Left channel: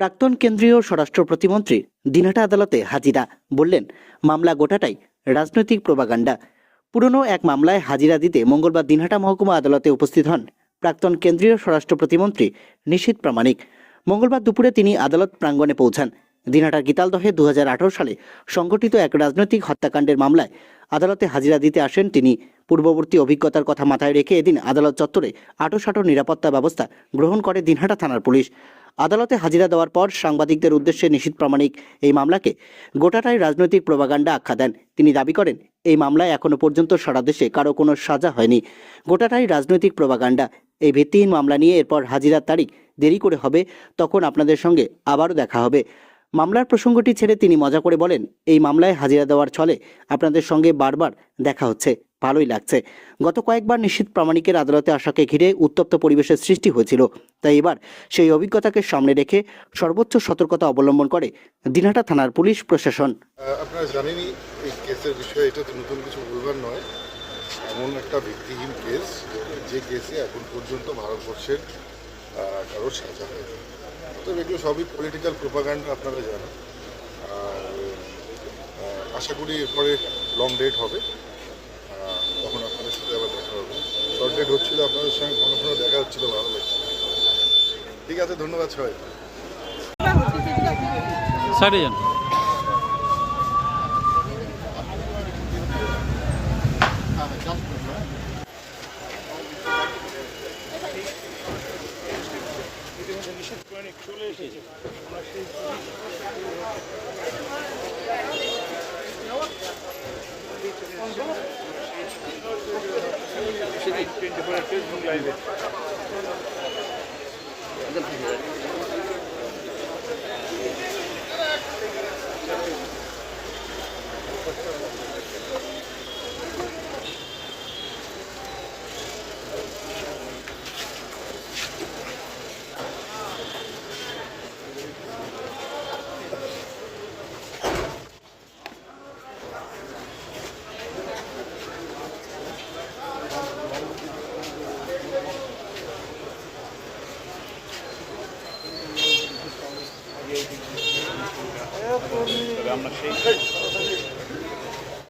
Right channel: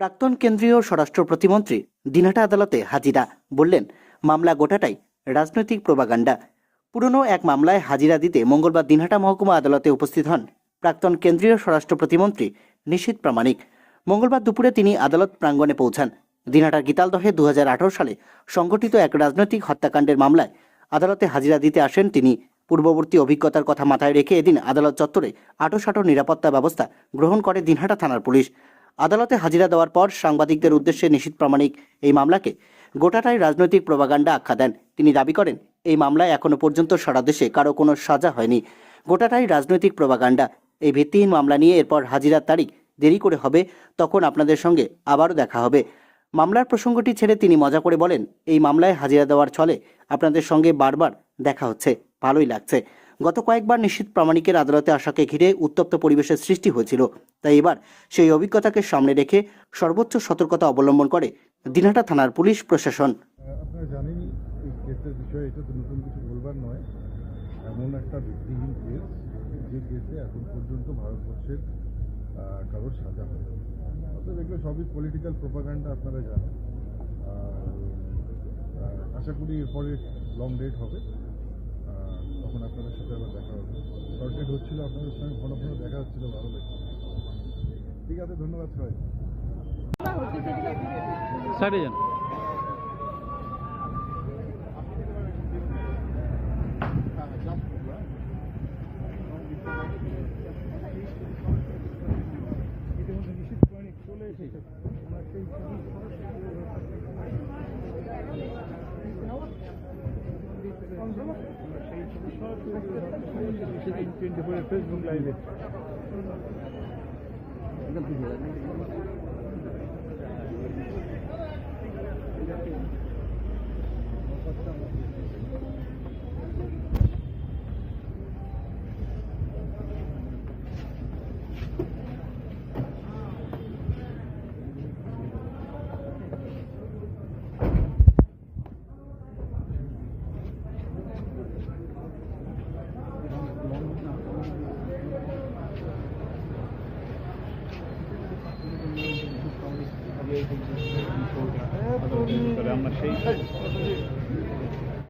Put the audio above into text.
প্রাক্তন কেন্দ্রীয় স্বরাষ্ট্র প্রতিমন্ত্রী দিনহাটা আদালতে হাজিরা। বললেন, মামলা গোটাটাই রাজনৈতিক প্রোপাগান্ডা। পুরনো এক মামলায় হাজিরা দিতে মঙ্গলবার দিনহাটা মহকুমা আদালতে উপস্থিত হন প্রাক্তন কেন্দ্রীয় স্বরাষ্ট্র প্রতিমন্ত্রী নিশীথ প্রামাণিক। মঙ্গলবার দুপুরে তিনি আদালত প্রাঙ্গণে পৌঁছান। দিনহাটার গীতালদহে 2018 সালে সংঘটিত এক রাজনৈতিক হত্যাকাণ্ডের মামলায় আদালতে হাজিরা দিতে আসেন তিনি। পূর্ববর্তী অভিজ্ঞতার কথা মাথায় রেখে এদিন আদালত চত্বরে আঁটোসাঁটো নিরাপত্তা ব্যবস্থা গ্রহণ করে দিনহাটা থানার পুলিশ। আদালতে হাজিরা দেওয়ার পর সাংবাদিকদের উদ্দেশ্যে নিশীথ প্রামাণিক এই মামলাকে গোটাটাই রাজনৈতিক প্রোপাগান্ডা আখ্যা দেন। তিনি দাবি করেন, এই মামলায় এখনো পর্যন্ত সারা দেশে কারো কোনো সাজা হয়নি, গোটাটাই রাজনৈতিক প্রোপাগান্ডা। এই ভিত্তিহীন মামলা নিয়ে এরপর হাজিরার তারিখ দেরি করে হবে, তখন আপনাদের সঙ্গে আবারও দেখা হবে। মামলার প্রসঙ্গটি ছেড়ে তিনি মজা করে বলেন, এই মামলায় হাজিরা দেওয়ার ছলে আপনাদের সঙ্গে বারবার দেখা হচ্ছে, ভালোই লাগছে। গত কয়েকবার নিশীথ প্রামাণিকের আদালতে আসাকে ঘিরে উত্তপ্ত পরিবেশের সৃষ্টি হয়েছিল, তাই এবার সেই অভিজ্ঞতাকে সামনে রেখে সর্বোচ্চ সতর্কতা অবলম্বন করে দিনহাটা থানার পুলিশ প্রশাসন। আপনারা জানেনই এই কেসের বিষয়ে, এটা তো নতুন কিছু বলবার নয়। এমন একটা ভিত্তিহীন কেস, যে কেসে এখন পর্যন্ত ভারতবর্ষের কারোর সাজা হয়নি। তো এগুলো সবই পলিটিক্যাল প্রোপাগান্ডা, আপনারা জানেন। আর আশা করি এরপরে লং ডেট হবে, তখন আপনাদের সাথে আবার দেখা হবে। শর্ট ডেট হচ্ছিল, আপনাদের সঙ্গে ঘন ঘন দেখা হচ্ছিল, ভালো লাগছে। ঠিক আছে, ধন্যবাদ সবাই। চলে এসেছে, আমরা সেই ফেসবুক লাইভে তবে আমরা সেই